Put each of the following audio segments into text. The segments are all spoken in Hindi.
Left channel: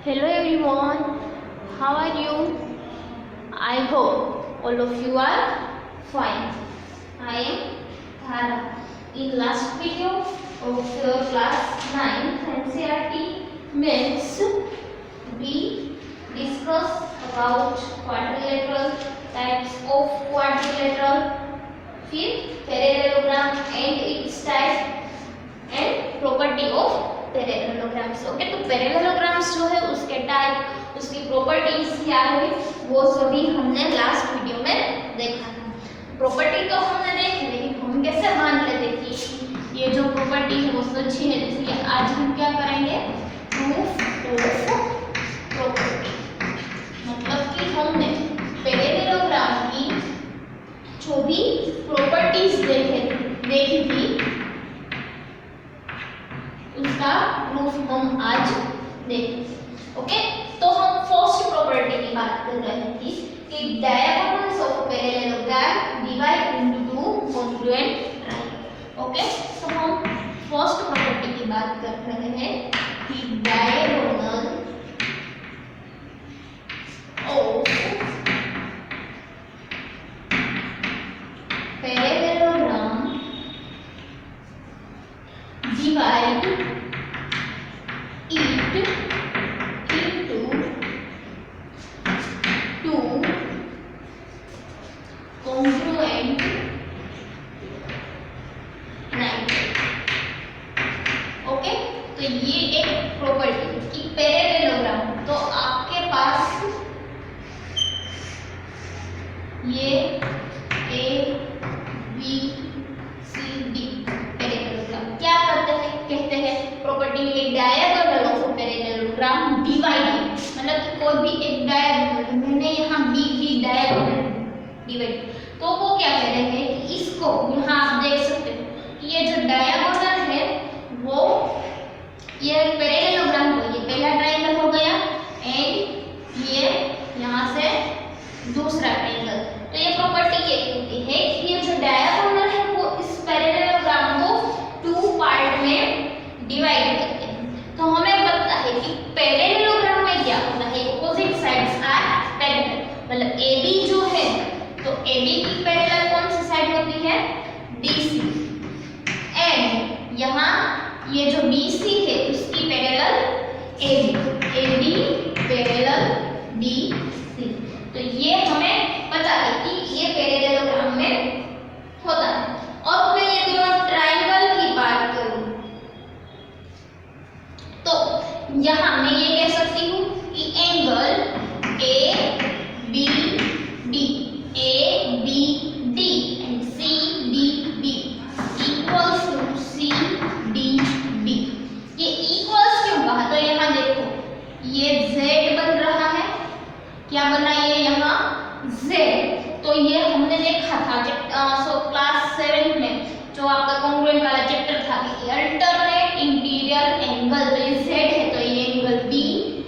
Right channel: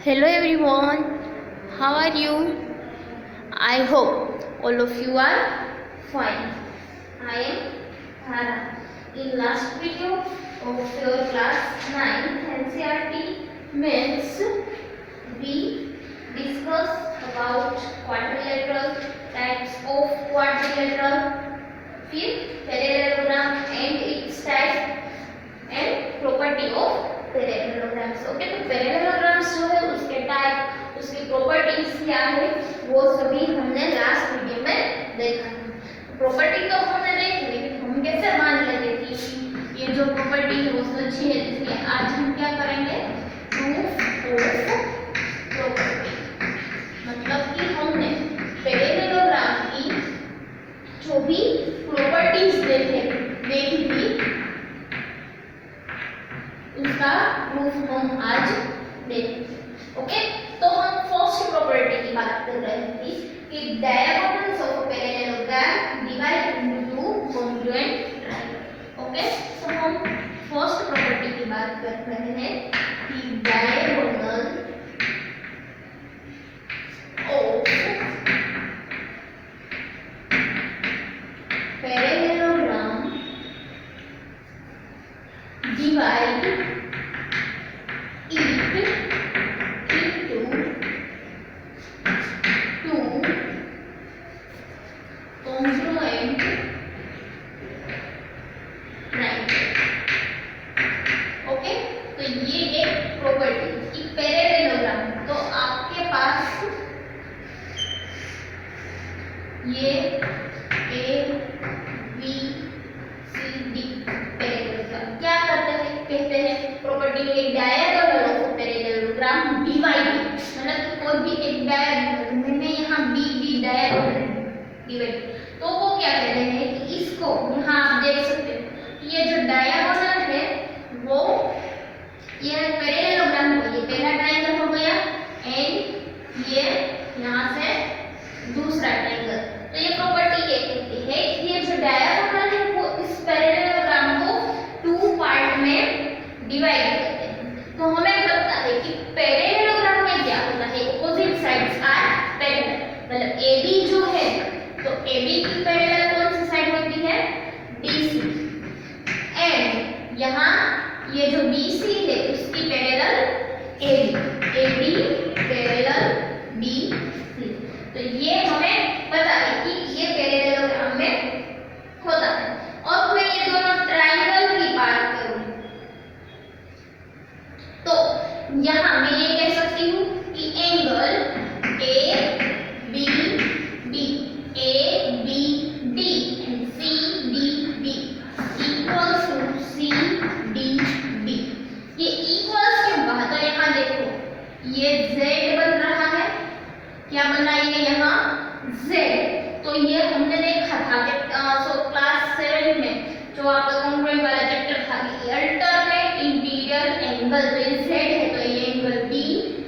Hello everyone, how are you? I hope all of you are fine. I am Thara. In last video of your class 9 NCERT Maths, we discussed about quadrilateral, types of quadrilateral, फिर parallelogram and its type and property of parallelograms. Okay, तो पैरेललोग्राम्स जो है उसके टाइप, उसकी प्रॉपर्टीज क्या है, वो सभी हमने लास्ट वीडियो में देखा था। प्रॉपर्टी तो हमने देखी, लेकिन हम कैसे मान लेते कि ये जो प्रॉपर्टी है वो सच्ची है, इसलिए आज हम क्या करेंगे, प्रूफ ऑफ प्रॉपर्टी। मतलब कि हमने पैरेललोग्राम की जो भी प्रॉपर्टीज देखी थी उसका प्रूफ हम आज देखेंगे। ओके, तो हम फर्स्ट प्रॉपर्टी की बात कर रहे थे कि diagonals of parallelogram divide into two congruent triangle. Okay, तो हम फर्स्ट प्रॉपर्टी की बात कर रहे हैं कि डायगोनल ऑफ पैरेललोग्राम डिवाइड ये A B C D parallelogram क्या करते हैं, कहते हैं प्रॉपर्टी एक डायगोनल ऑफ पैरेललोग्राम डिवाइड, मतलब कोई भी एक डायगोनल, मैंने यहाँ बी बी डायगोनल डिवाइड, तो वो क्या कहते हैं कि इसको यहाँ आप देख सकते हो कि ये जो डायगोनल है वो ये पैरेललोग्राम हो, ये पहला ट्रायंगल हो गया एंड ये यहाँ से दूसरा ट्रायंगल। तो ये प्रॉपर्टी ये है कि ये जो डायगोनल है वो इस पैरेललोग्राम को टू पार्ट में डिवाइड करते हैं। तो हमें पता है कि पैरेललोग्राम में क्या होता है, ऑपोजिट साइड्स आर पैरेलल, मतलब AB जो है तो AB की पैरेलल कौन सी साइड होती है, DC, एंड यहाँ ये जो BC है उसकी पैरेलल AB पैरेलल BC। तो ये हमें पता है कि ये पैरेललोग्राम में होता है। और मैं ये दोनों ट्रायंगल की बात करूं तो यहाँ मैं ये कह सकती हूँ कि angle ABD and CDB equals to CDB। ये इक्वल्स क्यों कहा, तो यहाँ देखो ये Z बन रहा है, क्या बन रहा है यहाँ Z, तो ये हमने देखा था क्लास 7 में जो आपका कॉन्ग्रुएंट वाला चैप्टर था कि अल्टरनेट इंटीरियर एंगल, तो ये Z है तो ये एंगल B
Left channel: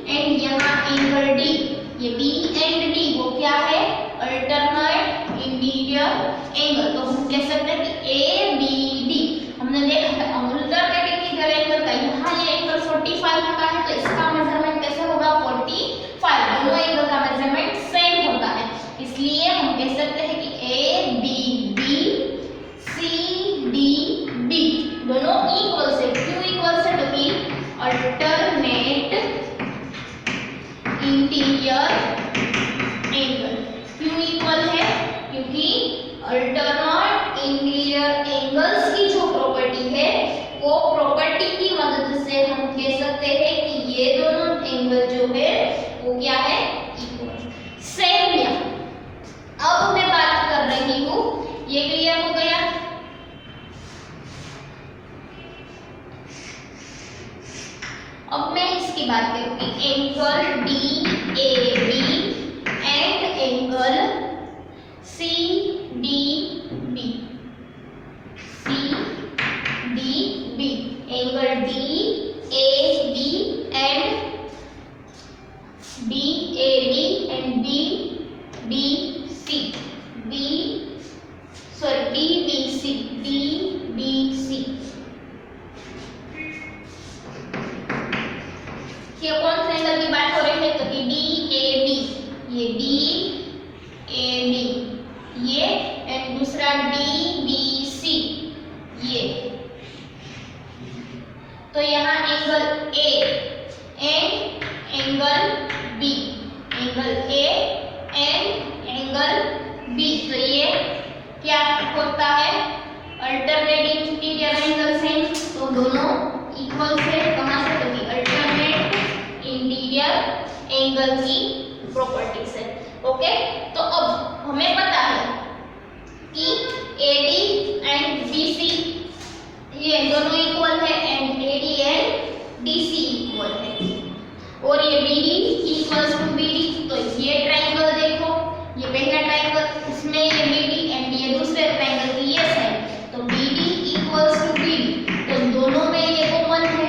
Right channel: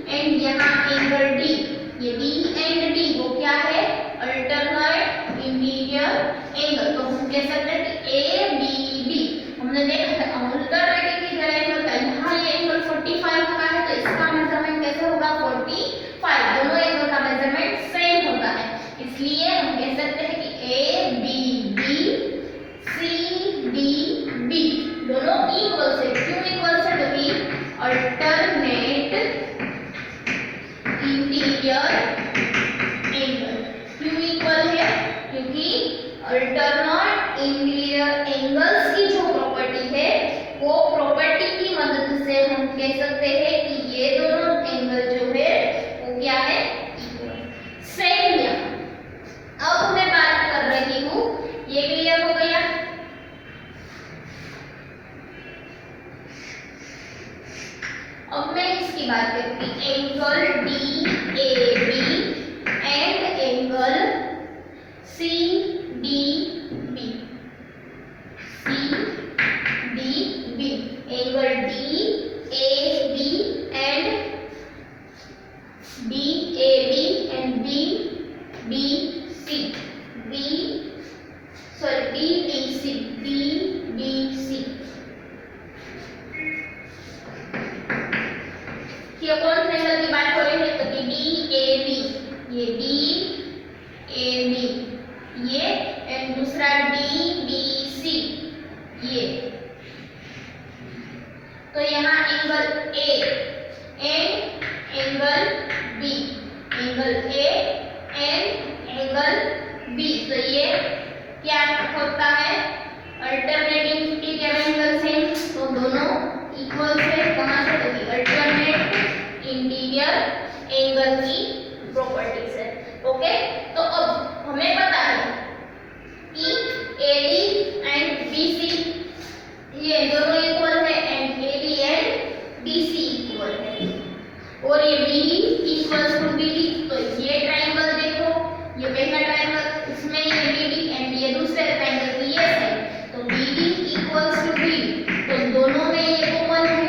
एंड यहाँ एंगल D, ये B एंड D वो क्या है, अल्टरनेट इंटीरियर एंगल। तो हम कह सकते हैं कि ABD हमने देखा था अल्टरनेट इंटीरियर एंगल का, यहाँ ये एंगल 45 का है तो इसका मेजरमेंट कैसे होगा, 45, दोनों एंगल का मेजरमेंट सेम होता है, इसलिए हम कह सकते हैं कि ABB CDB दोनों इक्वल से, क्यों इक्वल से, क्योंकि अल्टरनेट इंटीरियर एंगल क्यों इक्वल है, क्योंकि अल्टरनेट इंटीरियर एंगल्स की जो प्रॉपर्टी है वो प्रॉपर्टी की मदद से हम कह सकते हैं कि ये दोनों एंगल जो है वो क्या है, इक्वल, सेम। अब मैं बात कर रही हूँ, ये क्लियर हो गया। अब मैं इसकी बात करूँगी angle DAB and angle CDB angle DAB and BAB and DBC क्या कौन से एंगल की बात हो रही है? तो कि DAB, ये DAB ये, एंड दूसरा DBC ये। तो यहाँ angle A and angle B, angle A and angle B, तो ये क्या होता है? अल्टरनेट इंटीरियर एंगल्स हैं, तो दोनों इक्वल से। कहाँ से? तो अल्टरनेट इंटीरियर एंगल की प्रॉपर्टीज है। ओके, तो अब हमें पता है कि AD एंड BC ये दोनों इक्वल है, and AD and DC equal है, और ये BD इक्वल्स टू BD। तो ये ट्रायंगल देखो, ये पहला ट्रायंगल, इसमें ये BD एंड ये दूसरे ट्रायंगल की ये साइड, तो BD इक्वल्स टू BD, तो दोनों में ये कॉमन है।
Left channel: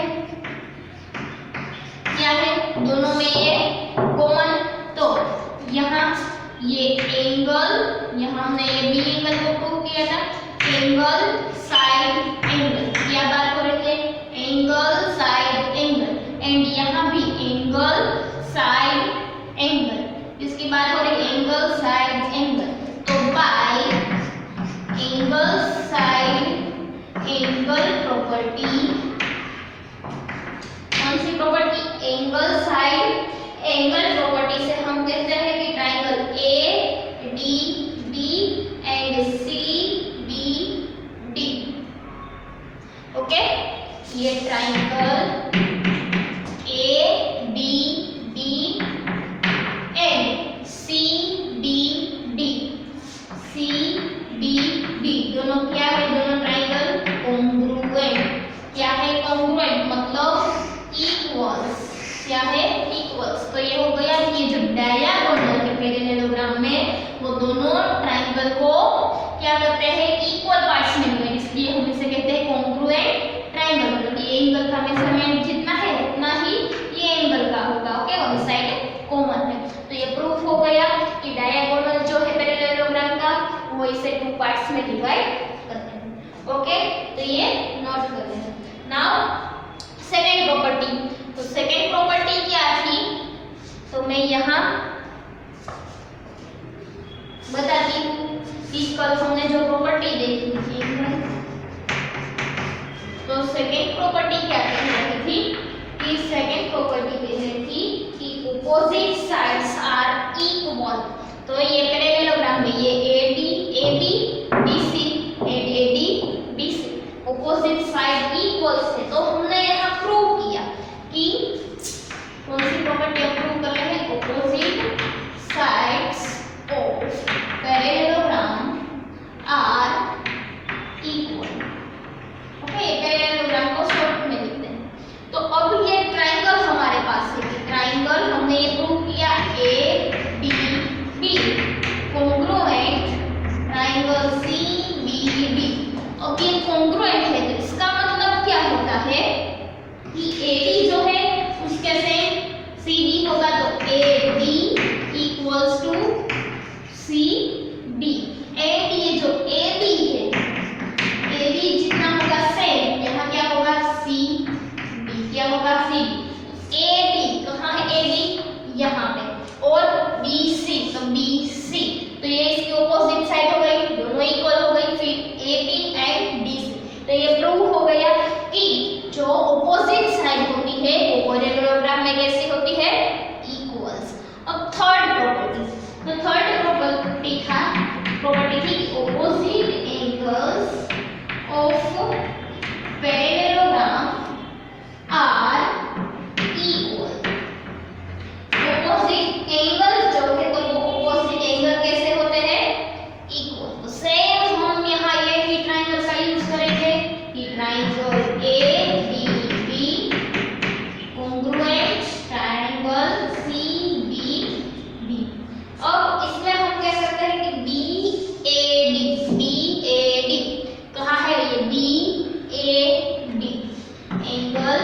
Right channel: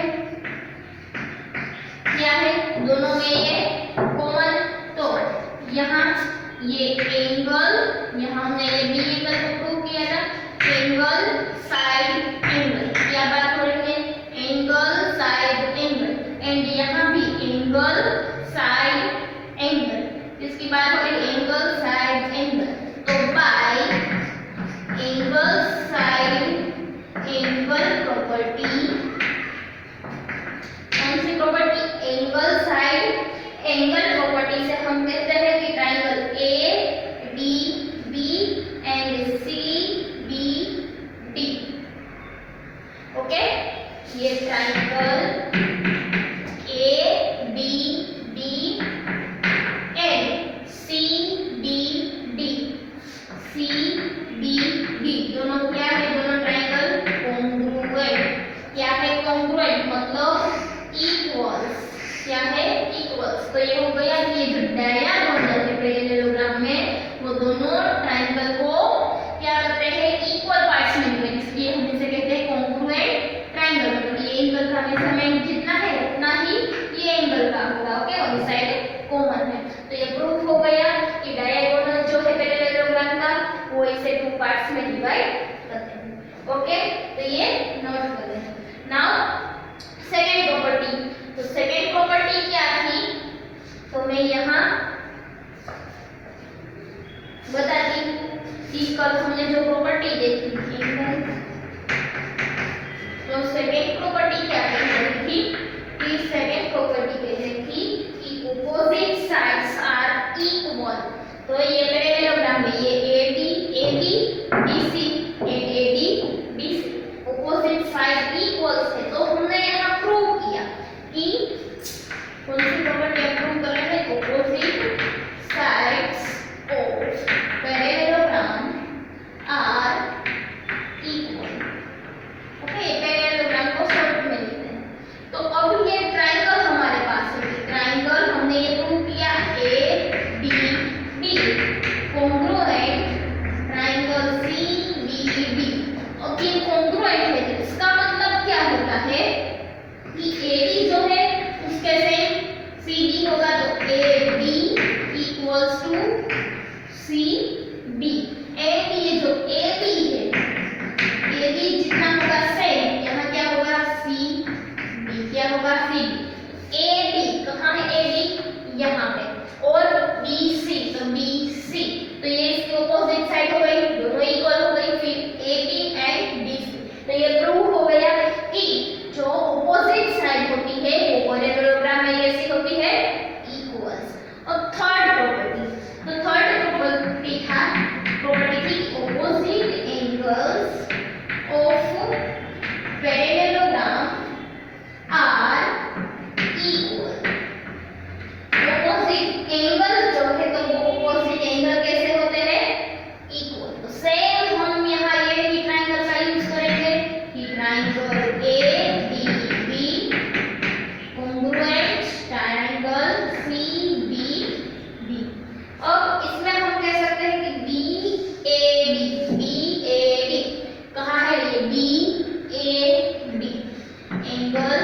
क्या है? दोनों में ये कॉमन। तो यहाँ ये एंगल, यहाँ हमने ये B एंगल को प्रूव किया था, एंगल साइड एंगल, क्या बात हो रही है? एंगल साइड एंगल, एंड यहाँ भी एंगल साइड एंगल, इसकी बात हो रही है एंगल साइड एंगल। तो by angle side angle property, कौन सी property? Angle side angle property से हम कहते हैं कि triangle ADB and CBD, okay, ये ट्रायंगल ADB एंड CBD दोनों क्या है? दोनों ट्रायंगल कॉन्ग्रुएंट। क्या है कॉन्ग्रुएंट? मतलब इक्वल्स। क्या है? इक्वल्स। तो ये हो गया कि ये जो डायगोनल के पैरेललोग्राम में वो दोनों ट्रायंगल को क्या करते हैं? इक्वल पार्ट्स में डिवाइड, इसलिए हम इसे कहते हैं कॉन्ग्रुएंट ट्रायंगल। मतलब ये एंगल का मेजरमेंट जितना है उतना ही ये एंगल का होगा, ओके, और इस साइड कॉमन है। तो ये प्रूफ हो गया कि डायगोनल जो है पैरेललोग्राम का वो इसे टू पार्ट्स में डिवाइड करते हैं, ओके। तो ये नोट कर लेना। नाउ सेकंड प्रॉपर्टी, तो सेकंड प्रॉपर्टी क्या थी? तो मैं यहाँ बताती हूँ कि कल हमने जो प्रॉपर्टी देखी थी, तो सेकंड प्रॉपर्टी क्या कह रही थी? कि सेकंड प्रॉपर्टी कह रही थी कि ऑपोजिट साइड्स आर इक्वल। तो ये पैरेललोग्राम में ये AB BC and AD BC opposite side equals है। तो हमने यहाँ प्रूव किया कि कौन सी प्रॉपर्टी हम प्रूव कर रहे हैं? Opposite sides of parallelogram are equal, okay. Parallelogram को शॉर्ट में लिखते हैं। तो अब ये ट्रायंगल हमारे पास है, ट्रायंगल हमने ये प्रूव किया ADB कॉन्ग्रुएंट ट्रायंगल CBD। अब ये कॉन्ग्रुएंट है, तो इसका मतलब क्या होता है कि AD जो है उसके सेम CD होगा, तो AD equals to CD, and ये जो AB है, AB जितना होगा सेम, यहाँ क्या होगा? CD, क्या होगा? CD। AD कहाँ है? AD यहाँ पे, और BC, तो BC, तो ये इसकी ऑपोजिट साइड हो गई, दोनों इक्वल हो गई, फिर AB एंड BC। तो ये प्रूव हो गया कि जो ऑपोजिट साइड होती है वो पैरेललोग्राम में कैसी होती है? इक्वल्स। अब थर्ड प्रॉपर्टी, तो थर्ड प्रॉपर्टी थी opposite angles of parallelogram are equal. Opposite angle जो है, तो वो ऑपोजिट एंगल कैसे होते हैं? इक्वल। तो सेम हम यहाँ ये भी ट्रायंगल का यूज करेंगे कि triangle ADB congruent triangle CBD। अब इसमें हम कह सकते हैं कि BAD कहाँ है? ये BAD angle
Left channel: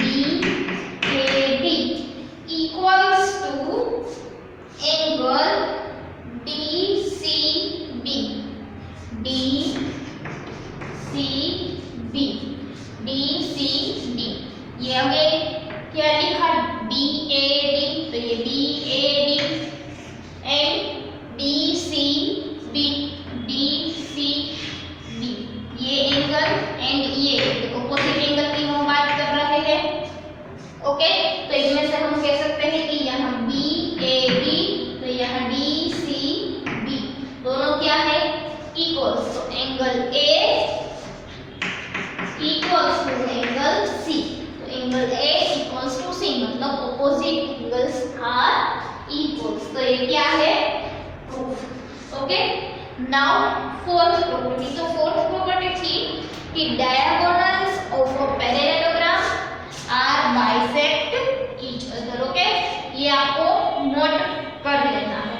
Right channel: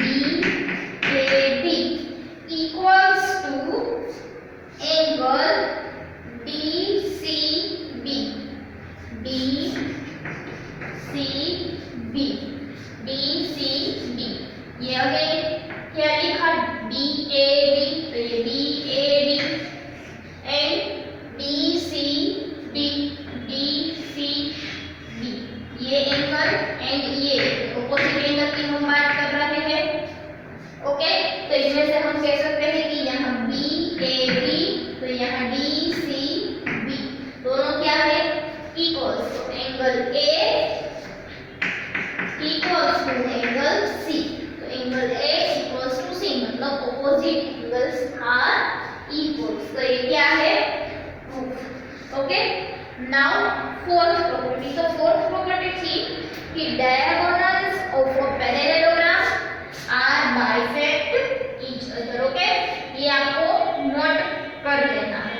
BAD equals to angle DCB ये आगे क्या लिखा? ये क्या है, proof. Okay, now fourth property. तो फोर्थ प्रॉपर्टी थी कि diagonals of a parallelogram are bisect each other. Okay, ये आपको नोट कर लेना है।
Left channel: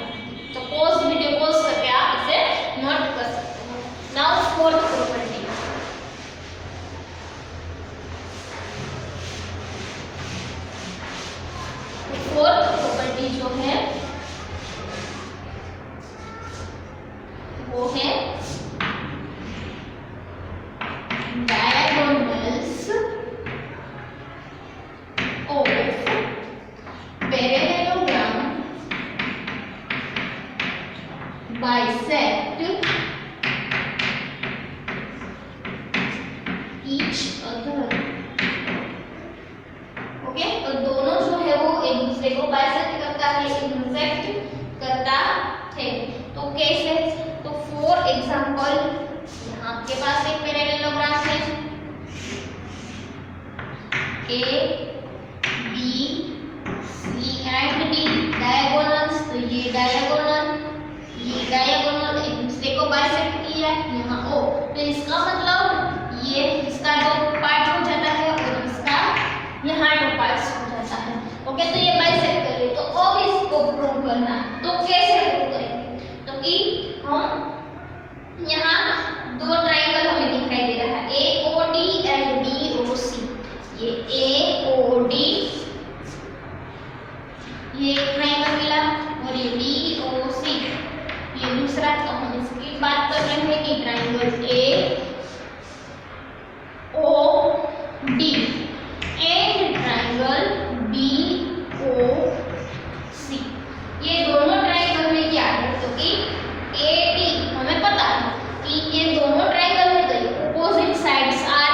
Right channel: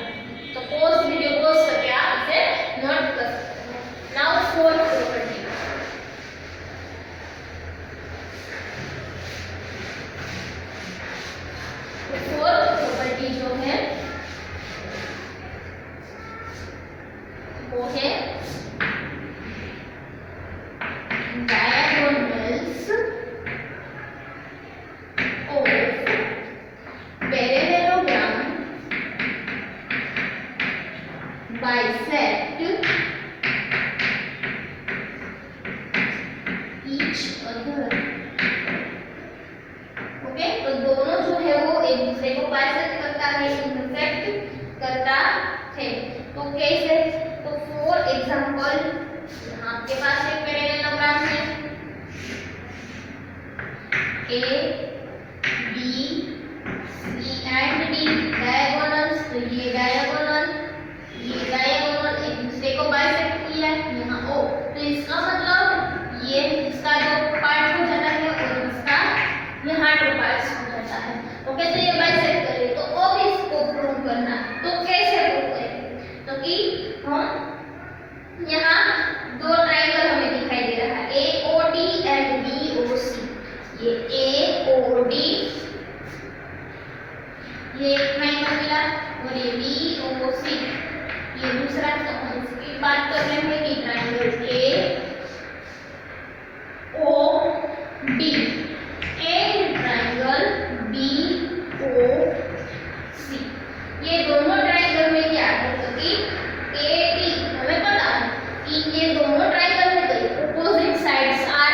तो पॉज वीडियो पॉज करके आप इसे नोट कर सकते हो। Now fourth property, fourth property जो है वो है diagonals of parallelogram bisect each other. Okay, तो दोनों जो है वो एक दूसरे को बाइसेक्ट करता है, इंटरसेक्ट करता है। तो कैसे, तो फॉर एग्जांपल आपके पास एक पैरेललोग्राम है A B C and D, diagonals. तो ये डायगोनल एक दूसरे को बाइसेक्ट किया यहाँ ओ, तो इसका मतलब ये इसका जो पार्ट हो जाता है और इसका यहाँ टू पार्ट्स हो जाता है। ओके, तो ये बाइसेक्ट कर रहे, तो अब इसको प्रूव करना है। तो कैसे प्रूव करेंगे, तो कि हम यहाँ दो ट्रायंगल हमें दिखाई दे रहा है AOD एंड BOC। ये AOD ये ट्रायंगल मिला और ये BOC ये दूसरा। तो हम इसकी बात कर रहे हैं कि triangle AOD and triangle BOC, ये दोनों ट्रायंगल में क्या है, तो कि AD हमें पता है कि ये दोनों ट्रायंगल है तो अपोजिट साइड्स आर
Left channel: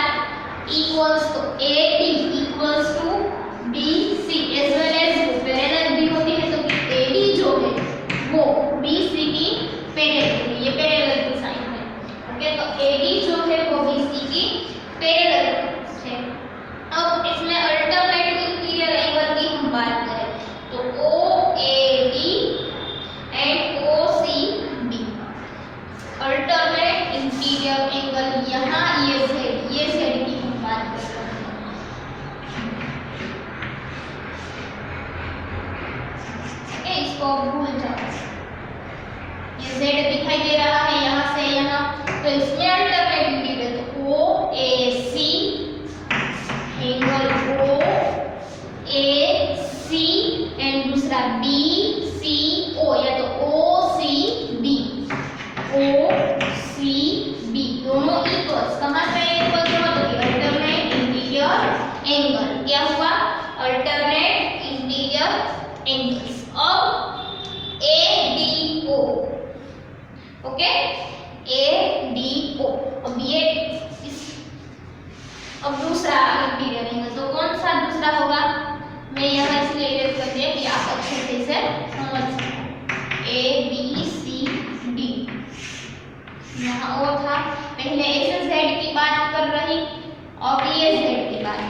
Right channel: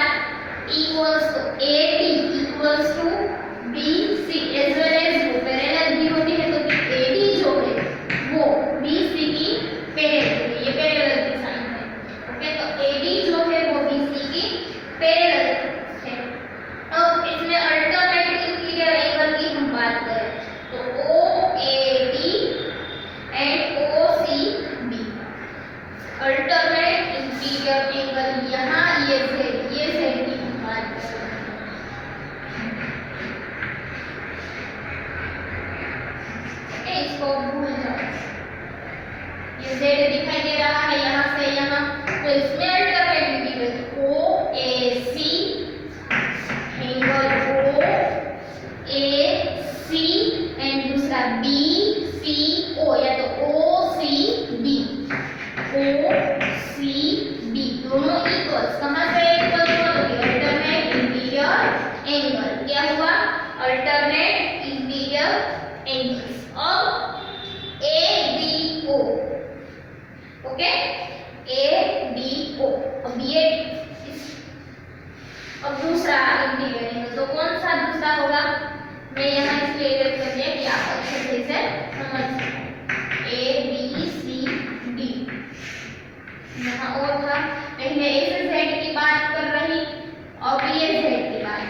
इक्वल्स। तो AD equals to BC as well as वो पैरेलल भी होती है, तो कि AD जो है वो BC की पैरेलल, ये पैरेलल की साइन है। ओके, तो AD जो है वो BC की पैरेलल है। अब इसमें अल्टरनेट इंटीरियर एंगल की हम बात करें तो OAD and OCB, alternate interior angle यहाँ ये Z की हम बात कर रहे हैं। इसको भूल जाओ, ये Z दिखाई दे रहा है यहाँ से यहाँ, तो इसमें अल्टरनेट इंटीरियर तो OAC एंगल OAC एंड दूसरा BCO या तो OCB दोनों इक्वल्स। कहाँ पे इक्वल्स हुआ, तो अल्टरनेट इंटीरियर एंगल क्या हुआ, अल्टरनेट इंटीरियर एंगल्स। अब ADO, ओके ADO, अब दूसरा इंटीरियर एंगल तो कौन सा दूसरा होगा, मैं यहाँ इसलिए इरेज कर दिया कि आप अच्छे से समझ सकें। ABCD यहाँ ओ था, पहले ऐसे Z की बात कर रही, अब ये Z की बात।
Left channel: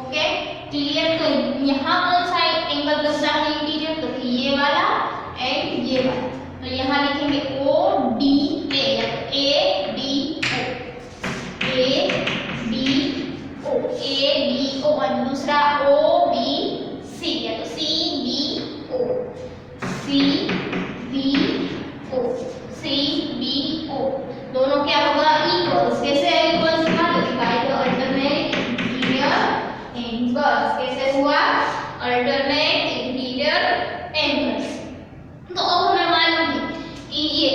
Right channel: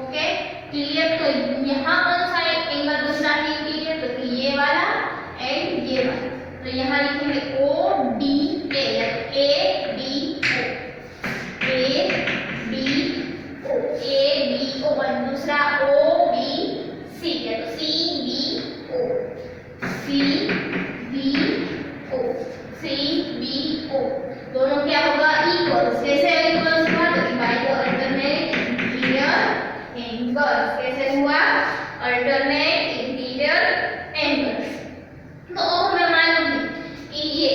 Okay, clear. तो यहाँ कौन सा एंगल दूसरा है इंटीरियर, तो ये वाला एंड ये वाला। तो यहाँ लिखेंगे ODA या ABO और दूसरा OBC या तो CBO दोनों क्या होगा, इक्वल्स। कैसे इक्वल्स हुआ, तो by the alternate interior angles. कैसे हुआ, अल्टरनेट इंटीरियर एंगल्स। तो अब हमें मालूम है कि ये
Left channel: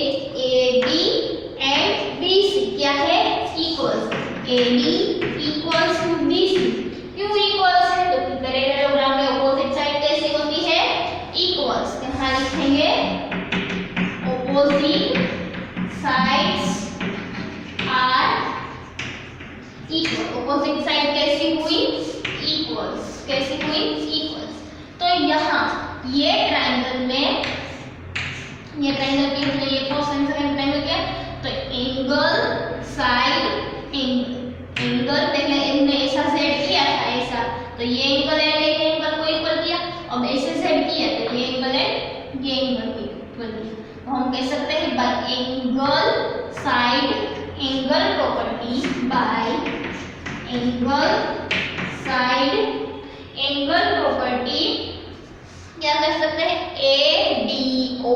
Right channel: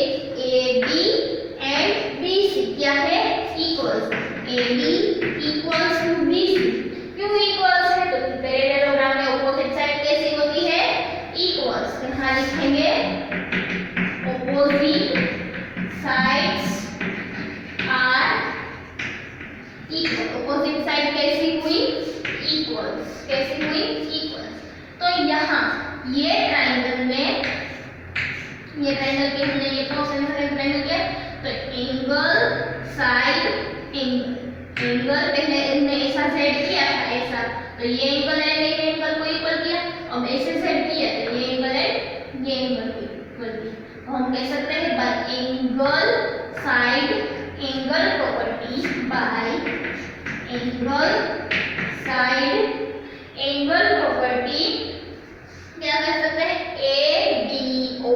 AD एंड BC क्या है, equals. AD equals to BC, क्यों इक्वल्स है, तो पैरेललोग्राम में ऑपोजिट साइड कैसे होती है, इक्वल्स। यहाँ लिखेंगे opposite sides are equal. Opposite side कैसी हुई, इक्वल्स। कैसी हुई, इक्वल्स। तो यहाँ ये ट्रायंगल में, ये ट्रायंगल के हमने ये फर्स्ट एंड सेकंड ट्रायंगल किया, तो एंगल साइड एंगल पहले हमने ऐसा सेट किया था ऐसा, तो ये एंगल है, ये एंगल को इक्वल किया। एंगल साइड एंगल प्रॉपर्टी क्या कर सकते हैं ADO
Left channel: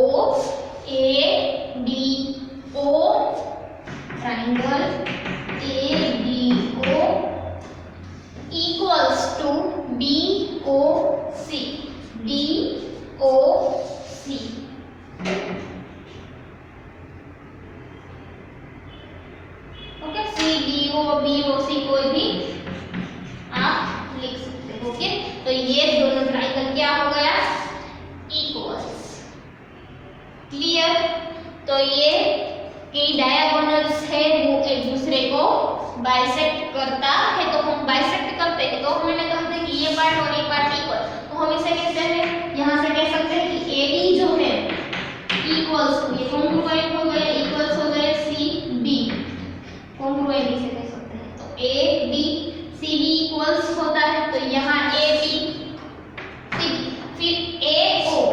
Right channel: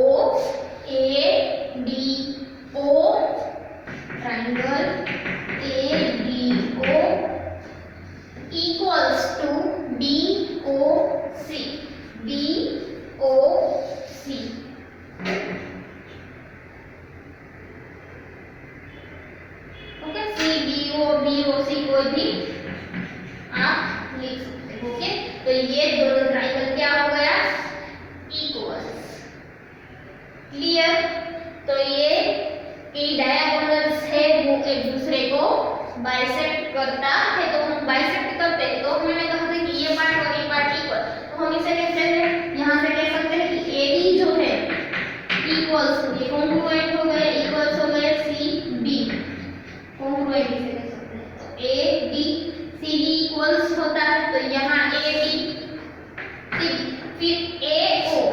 triangle ADO equals to DOC okay CDO BOC कोई भी आप लिख सकते हो ओके तो ये दोनों ट्राइंगल क्या हो गया इक्वल्स क्लियर तो ये कि डायगोनल्स है वो एक दूसरे को बाइसेक्ट करता है तो हम बाइसेक्ट करते हैं तो हमने कहा था कि ये पार्ट और ये पार्ट इक्वल तो हम इसे कहते हैं यहाँ से कह सकते हैं कि AD जो है इक्वल्स टू ये कॉन्ग्रुएंट हो गए इक्वल्स हो गए CB कॉन्ग्रुएंट इसे कह सकते हैं तो AD CB इक्वल्स होता है तो यहाँ AD CB फिर AO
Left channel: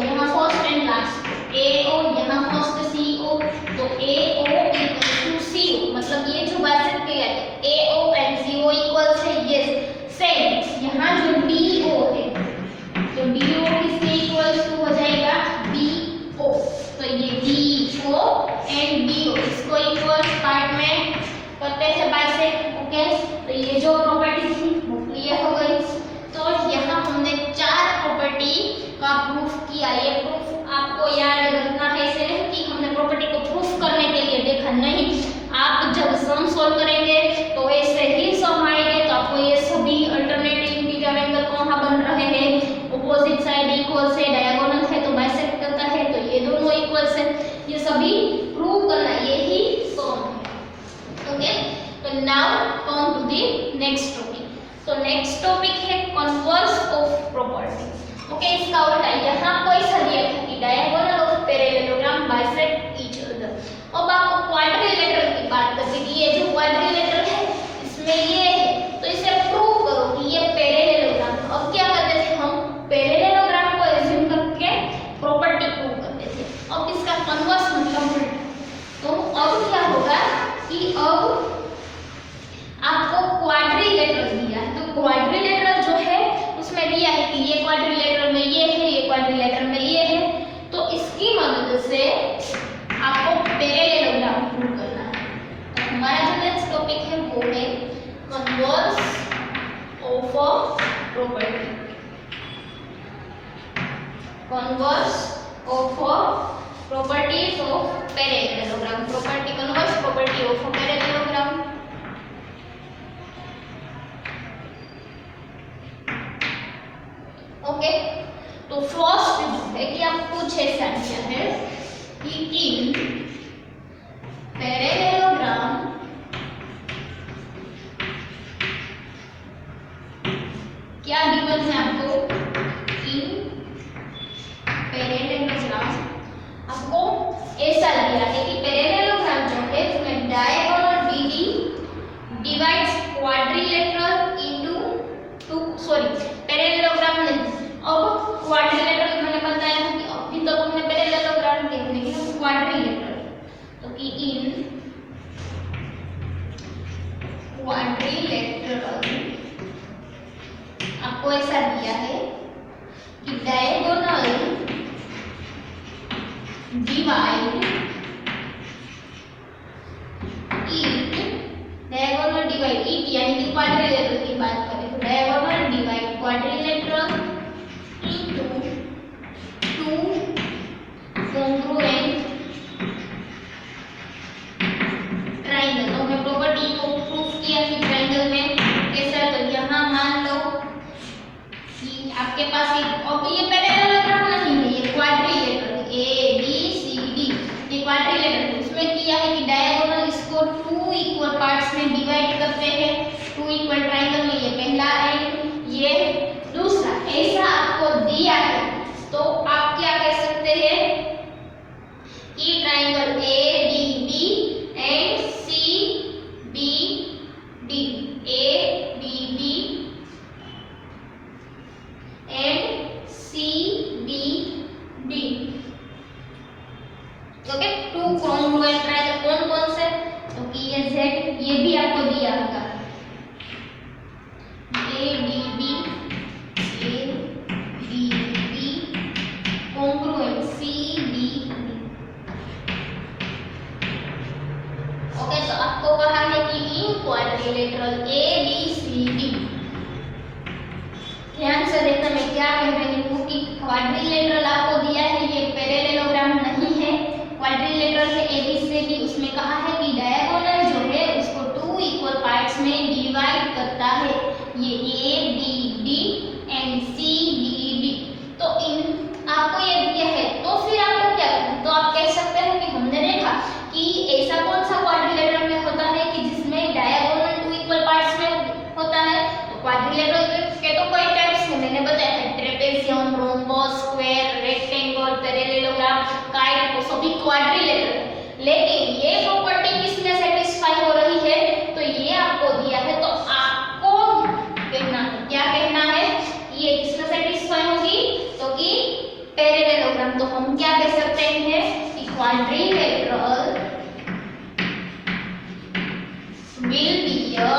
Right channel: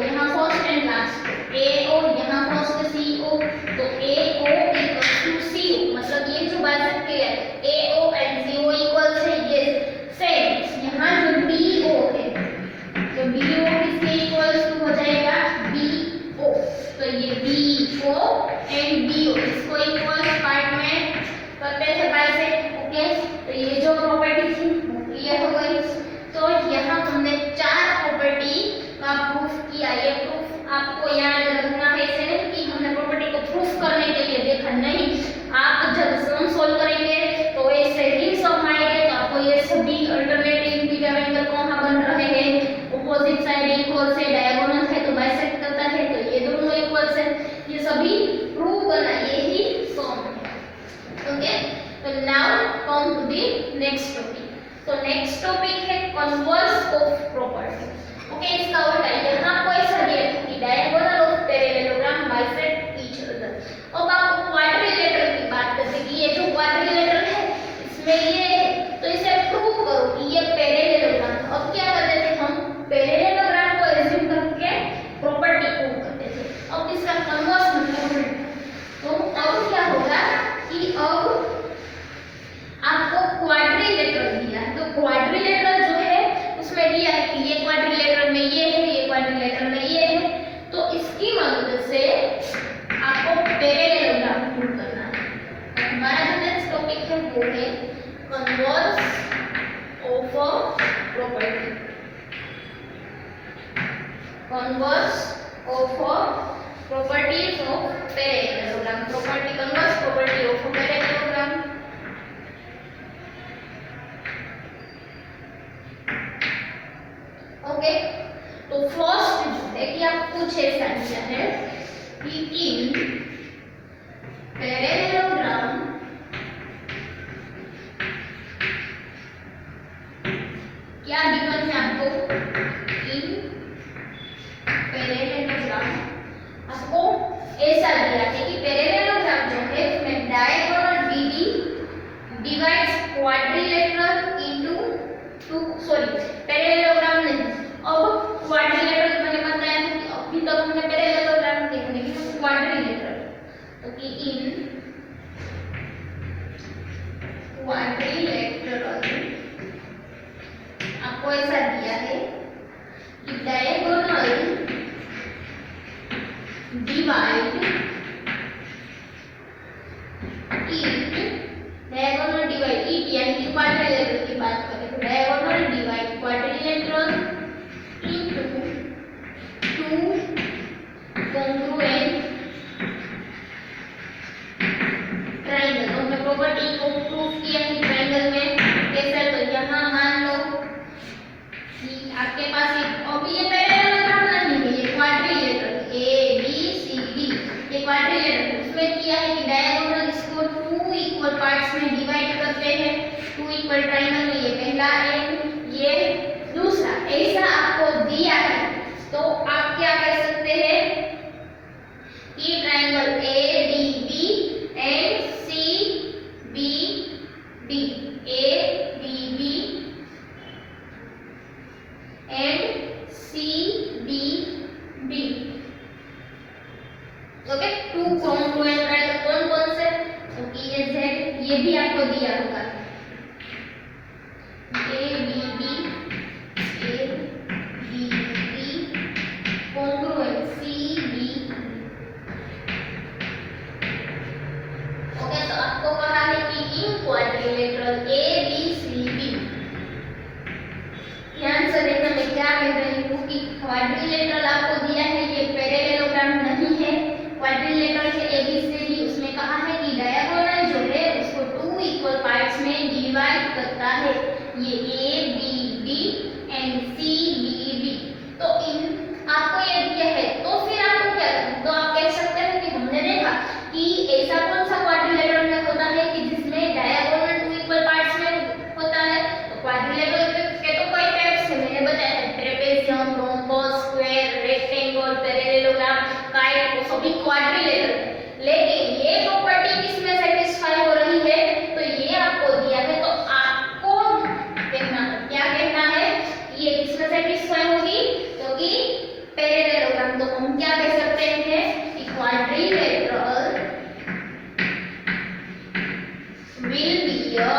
यहाँ फर्स्ट एंड लास्ट AO यहाँ फर्स्ट CO तो AO इक्वल्स टू CO मतलब ये जो बाइसेक्ट किया है AO एंड CO इक्वल्स है ये सेम यहाँ जो DO है तो DO किसके इक्वल्स टू हो जाएगा BO तो ये BO एंड DO इसको इक्वल्स पार्ट में करते हैं बाइसेक्ट ओके तो ये जो प्रॉपर्टी थी वो क्लियर हो गई तो यहाँ हमने 4 प्रॉपर्टी का प्रूफ किया ये प्रूफ आपको याद रखना है इसे कि हमने प्रॉपर्टी को प्रूफ करने के लिए देखा नहीं आप जब सम सॉल्व करेंगे तो वैसे ही सम आएंगे तो आपको ये सभी अल्टरनेटिव इंटीरियर एंगल कहाँ बन रहे हैं ऑपोजिट साइड इक्वल से डायगोनल है तो बाइसेक्ट करता है तो ये दोनों इक्वल से ये सभी प्रूव करना यही सम है ओके तो now come to the next topic तो नेक्स्ट टॉपिक है कन्वर्स ऑफ प्रॉपर्टी ओके इसका उल्टा यहाँ कोई सा दिया है कि diagonal of parallelogram bisect each other अब आपको क्वाड्रिलेटरल की बात करते हैं कि ये जो क्वाड्रिलेटरल है इसमें ये है तो इसे प्रूव करो कि ये पैरेललोग्राम अब क्या करते थे हम पैरेललोग्राम को एज्यूम करके प्रॉपर्टी प्रूव करते थे अब इसका कन्वर्स मतलब उल्टा तो अब क्या होगा कि अब आपको क्वाड्रिलेटरल दिया है तो क्वाड्रिलेटरल जो है उसमें दिया है कि ये क्वाड्रिलेटरल में ये है ये क्वाड्रिलेटरल में ये है तो इसकी मदद से आपको पैरेललोग्राम प्रूव करना है तो हमारा जो नेक्स्ट टॉपिक है वो है converse of a property converse of a properties of parallelogram property converse property of a parallelogram okay तो फर्स्ट जो है कि आप कुछ ऐसा आंसर है कि इन पैरेललोग्राम क्या गिवन है आपको इन पैरेललोग्राम आपको ऐसा दिया है कि पैरेललोग्राम जो है उसमें diagonal BD divides quadrilateral into parallelogram नहीं अब क्वाड्रिलेटरल मैंने बताया है कि अभी तक हमने पैरेललोग्राम देखने की तो क्वाड्रिलेटरल तो कि इन क्वाड्रिलेटरल आपको ऐसा दिया है कि डायगोनल डिवाइड डायगोनल डिवाइड यानी कि क्वाड्रिलेटरल की बात करें तो diagonal divide quadrilateral into two congruent triangle तो हमने प्रॉपर्टी को प्रूफ किया कि ट्राइंगल में ऐसा तो यहाँ मान लो कि आपके पास अब ये पैरेललोग्राम नहीं है ये क्वाड्रिलेटरल ABCD ये क्वाड्रिलेटरल उसमें किया है कि डायगोनल इसको 2 इक्वल पार्ट्स में डिवाइड करते हैं 2 इक्वल ट्राइंगल में ये पहला है ये दूसरा ऐसा आपको दिया है तो आप क्या कर सकते हैं कि triangle ADB and CBD ADB and CBD okay 2 congruent triangle कौन कौन से तो ये Z ये भी आपको आपको दिया होगा A B B congruent C D. Okay, तो आपको कहा है कि in quadrilateral A B C D, ध्यान से देखना मैं क्या कह रही हूँ कि क्वाड्रिलेटरल आपको दिया है, ये पैरेललोग्राम नहीं है। क्वाड्रिलेटरल है एबीसीडी, उसमें कहा है कि डायगोनल जो है उसको 2 इक्वल पार्ट्स में डिवाइड करता है, ये A B D and C D D. तो इन आपको ये दिया है, तो फिर आपको क्या करना है, तो आप कह सकते हैं कि हमने देखा कि ऐसा कौन सा क्वाड्रिलेटरल में होता है कि जिसमें डायगोनल 2 इक्वल पार्ट्स में होता है। तो क्वाड्रिलेटरल के तो कई टाइप्स है, मैंने बताया है, trapezium, rhombus, square, rectangle, parallelogram, kite, वो सभी क्वाड्रिलेटरल है। लेकिन ये प्रॉपर्टी किसमें सेटिस्फाई हो रही है, तो ये आपको दिया है, तो आपको कहना है, क्या कहना है, ये किसमें सेटिस्फाई होगी, तो कि पैरेललोग्राम। तो हम क्या कह सकते हैं कि quadrilateral will be a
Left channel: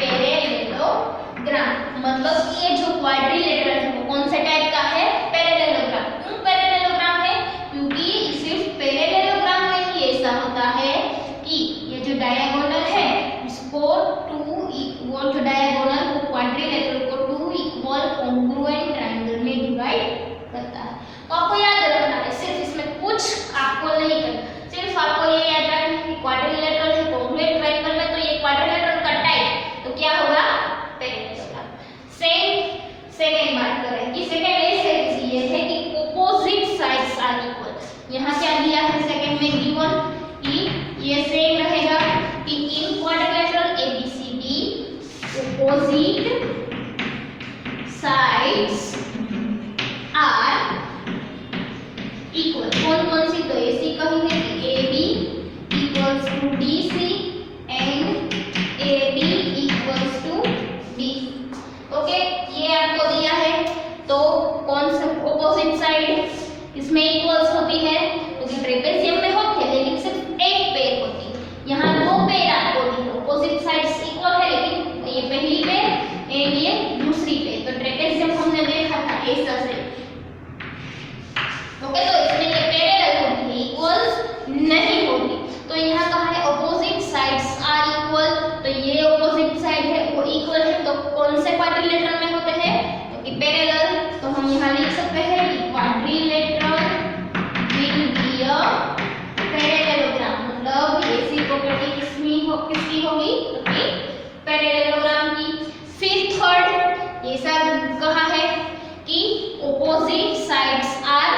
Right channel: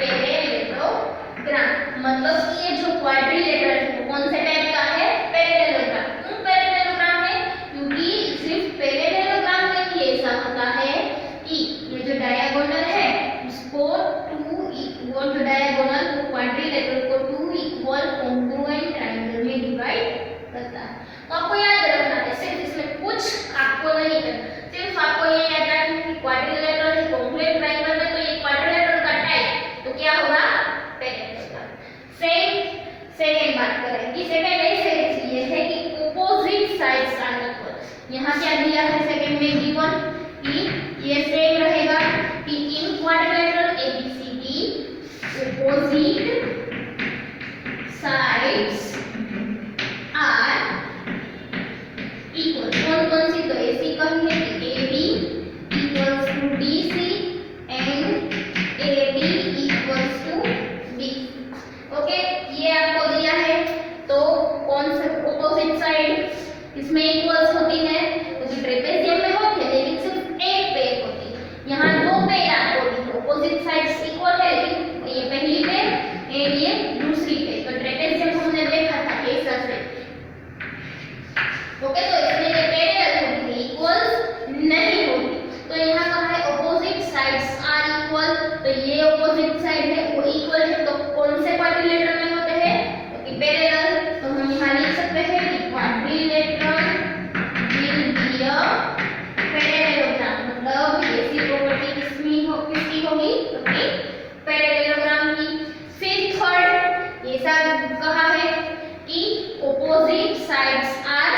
parallelogram. मतलब कि ये जो क्वाड्रिलेटरल है कौन से टाइप का है, पैरेललोग्राम। क्यों पैरेललोग्राम है, क्योंकि सिर्फ पैरेललोग्राम में ही ऐसा होता है कि ये जो डायगोनल है उसको 2 इक्वल, जो डायगोनल को क्वाड्रिलेटरल को 2 इक्वल कॉन्ग्रुएंट ट्रायंगल में डिवाइड करता है। तो आपको याद रखना है, सिर्फ इसमें कुछ आपको नहीं करना, सिर्फ आपको ये याद रखना है कि क्वाड्रिलेटरल है कॉन्ग्रुएंट ट्रायंगल में, तो ये क्वाड्रिलेटरल का टाइप तो क्या होगा, पैरेललोग्राम। सेकंड बात करें कि सेकंड ऐसे ये है कि ऑपोजिट साइड्स आर इक्वल। यहाँ क्या दिया है सेकंड में गिवन कि ये सेम रहेगा कि in quadrilateral ABCD opposite sides are equal. कौन कौन सी, तो ऐसी कही है कि AB equals to DC and AB equals to DC। Okay, ये आपको दिया है, तो कौन सा ऑपोजिट साइड इसमें इक्वल्स होती है, क्योंकि ट्रेपेजियम में होती है लेकिन सिर्फ एक पेयर होती है, यहाँ 2 पेयर आपको दी है, ऑपोजिट साइड्स इक्वल है लेकिन ये पहली पेयर एंड ये दूसरी पेयर। तो ट्रेपेजियम हमने देखा था ऐसा से। ओके, तो इसमें ये पैरेलल होती है, इक्वल्स नहीं होती। तो यहाँ कहा है ऑपोजिट साइड्स आर इक्वल, तो ये ऑपोजिट साइड है वो इक्वल है, तो कौन से क्वाड्रिलेटरल में होते हैं, तो कि पैरेलल। तो हम यहाँ लिख सकते हैं कि quadrilateral will be a parallelogram. मतलब ऐसी प्रॉपर्टी किसकी होगी, तो कि पैरेललोग्राम की। फिर थर्ड ऐसा कहा है कि opposite sides are,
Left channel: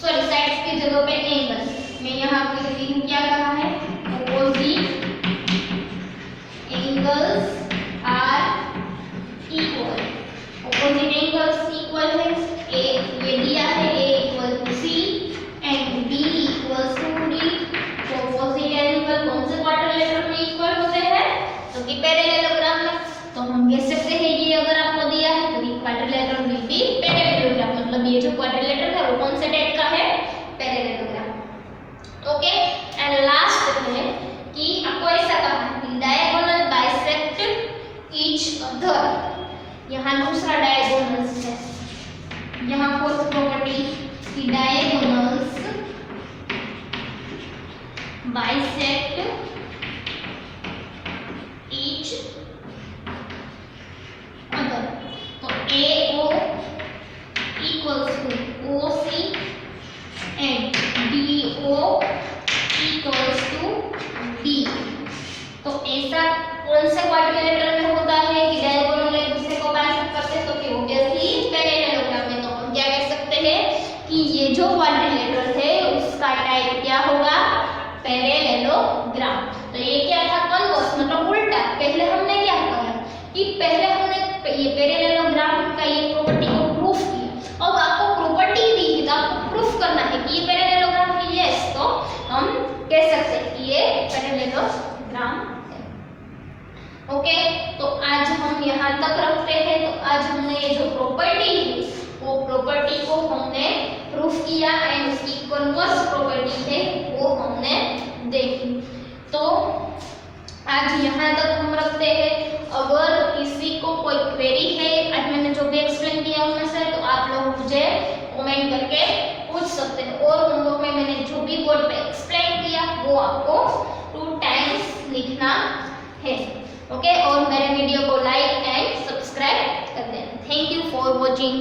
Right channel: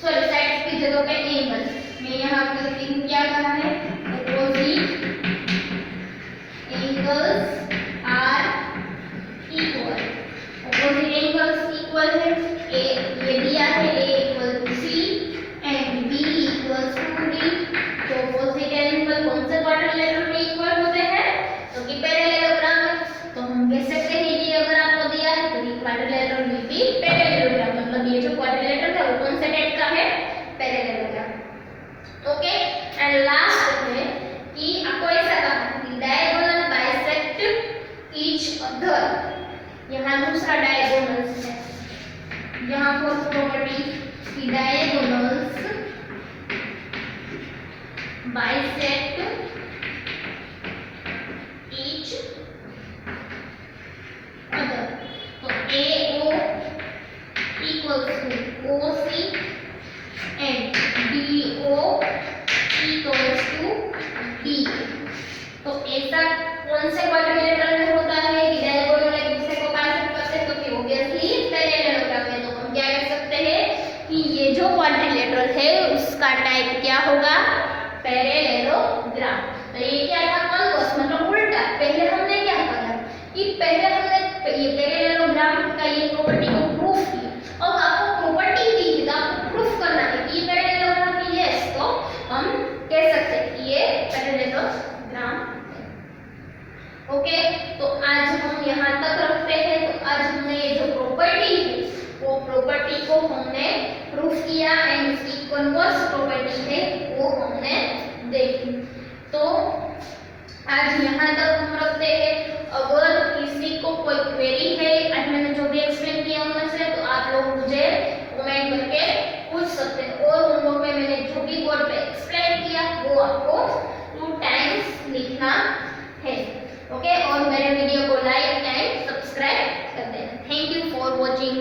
sorry sides की जगह पे एंगल, मैं यहाँ करती हूँ, क्या कहा है, opposite angles are equal. Opposite angles equal है, ए ये दिया है A equal to C and B equals to D. तो ऑपोजिट एंगल कौन से क्वाड्रिलेटरल में इक्वल होते हैं, तो कि पैरेललोग्राम में। तो हम कह सकते हैं ये अगर आपको दिया है तो ये क्वाड्रिलेटरल विल बी पैरेललोग्राम। मतलब ये जो क्वाड्रिलेटरल है वो कौन से टाइप का है, पैरेललोग्राम। ओके, एंड लास्ट है कि आपको ऐसा कहा है कि डायगोनल बाइसेक्ट ईच अदर। यहाँ दूसरा डायगोनल्स है, यहाँ फोर्थ प्रॉपर्टी कि डायगोनल्स बाइसेक्ट ईच अदर। तो AO equals to OC and DO equals to D। तो ऐसा कौन से क्वाड्रिलेटरल में होता है कि डायगोनल एक दूसरे को बाइसेक्ट करते हैं, तो कि ऑब्वियसली पैरेललोग्राम में। तो हम क्या कह सकते हैं कि ये जो क्वाड्रिलेटरल है उसका टाइप क्या होगा, पैरेललोग्राम। तो ये क्या था, कन्वर्स मतलब उल्टा। पहले हमने क्या कहा कि पहले हमने ये पैरेललोग्राम का ये प्रॉपर्टी को प्रूफ किया, अब आपको प्रॉपर्टी दी है तो आपको प्रूफ करना है कि ये पैरेललोग्राम है। यस, तो हम कह सकते हैं कि ये पैरेललोग्राम है। ओके, तो आज हम यहाँ तक रखते हैं। तो आज हमने ये जो प्रॉपर्टी है वो प्रॉपर्टी को हमने प्रूफ किया एंड उसकी कन्वर्स प्रॉपर्टी है वो हमने देखी। आज यहाँ तक हम रखते हैं। अगर किसी को कोई क्वेरी है आज मैंने जो भी एक्सप्लेन किया उनमें से, तो आप लोग मुझे कमेंट करके पूछ सकते हैं। और होमवर्क में मैंने जो भी बोर्ड पे एक्सप्लेन किया वो आपको 2 टाइम्स लिखना है। ओके, और मेरे वीडियो को लाइक एंड सब्सक्राइब कर देना। Thank you for watching.